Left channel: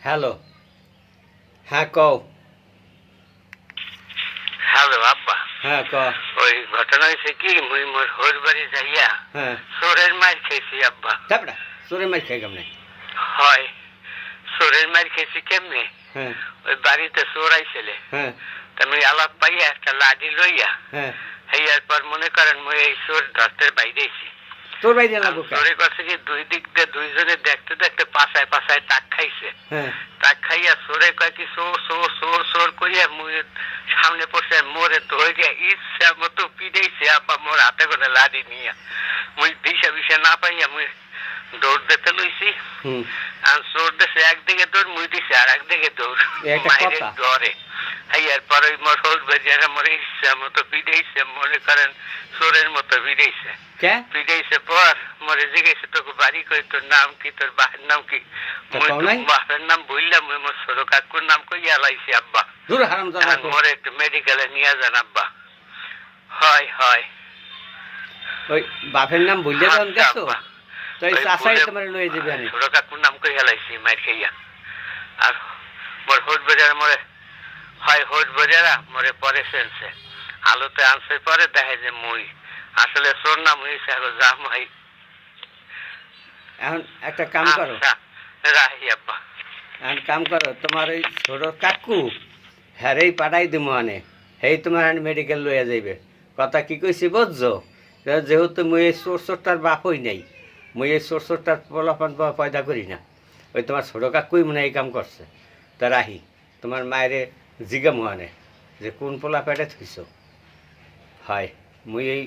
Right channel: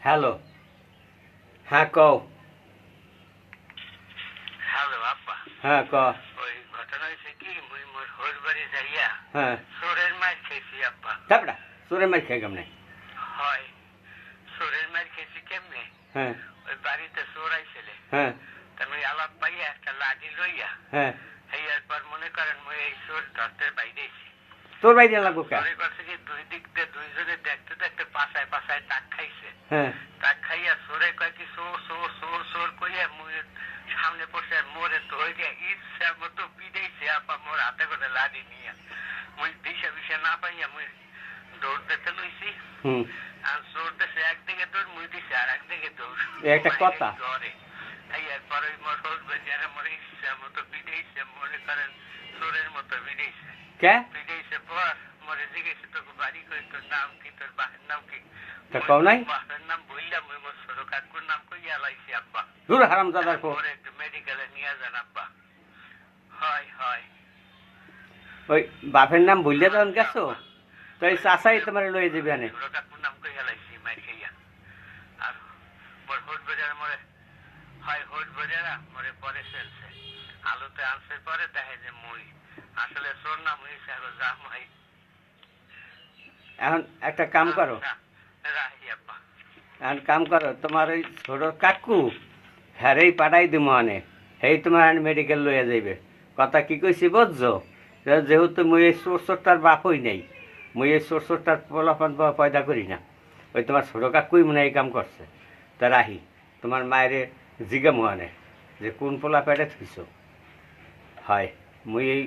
Hello, হ্যাঁ কও। Hello আব্বা। হ্যাঁ ক। ওই ঘটনা হয়েছে কি মুই মোর হোর বাড়ি যাইয়া হ্যাঁ চোরের মার খেয়েছি আব্বা। তারপরে চোরে মার খাই কেমনে? হয় চোরের মার খেয়েছি কেমনে? হ্যাঁ ওই বাড়িতে চোর আইছিলে হ্যাঁ তুমি আলাপ পাইয়া একটা লাঠি লইয়া হ্যাঁ। হইয়ার পর মনে করেন মুই এই চোর ধরতে বাইরেছি। তোর বাইরে লাগবো কে? চোরে করছে কি দুই দিক দিয়ে দুইজনে দেখতে দেখতে পাশায় পাশায় টাক খাইছে। হ্যাঁ টাক খাইয়া চোরে কয় কি চোর চোর চোর চোর করিয়া মুই সামনে পড়ছে মোরে ধরে ইচ্ছা মতো পিড়েছে আপা মোর হাতে করে লাঠি নিয়া মুই দিশা বিশা না পাইয়া মুই দৌড় দিতে লইছি। হুম। আর চোর দেশে একদিকে দৌড় মুই দিছে আর একদিকে দৌড় একটা কথা। ডরে হইয়ার পর ওই মোর হোল বেজারা মোরে ইচ্ছা মতো পিড়েছে মনে করেন চোরের মতো পিড়েছে। কে? পিড়েছে পর মোরে জিজ্ঞেসে তোকে বাড়ি কই তোর নাম কি তোর বাপের নাম কি? তা কও নাই? বাপের নাম বললাম মুই মোর ছোট কাকুর নাম কইয়া লাইছি আব্বা। দূর হারাম দাদা কো। মোরে একটু মেডিকেলে নিয়ে যান আব্বা। হয় হয় ওই বাপের নাম বললে তখন গেছো? আব্বা। তো এই ওই চাচাই বলে- তোমার লয়ে যাবে আনে। ছোট কাকুর নাম কইয়া লাইছি মার খাইয়া। আর মোর হোট বাজার মোরে হয় হোট বাজারা মোরে পরে সেনছে আলোতে আনছে পরে দেখে যে মুই আসলে চোর নাম হয়েছে যা মাই। এখন একটা কাম করো, রাহি আব্বা। এখন কাম করো, তোমার ওই ছোট কাকু হ্যারেই পাঠাই দিমো আনে, হেই তোমার মেডিকেল লইয়া যাইবে। কথা কি কইছি বুঝছো? যেহেতু মুই এই চোর চোরটার বাপ হই নাই, মুই এই চোর চোরটার পোলাপান পয়দা করি না, ওই তোমার ছোট কাকুই মনে হয় এই কাম করছে। তা রাহি তোমার মায়েরে জিগামো আনে যে কোন পোলা পেটে থইছ। হয় মুই এই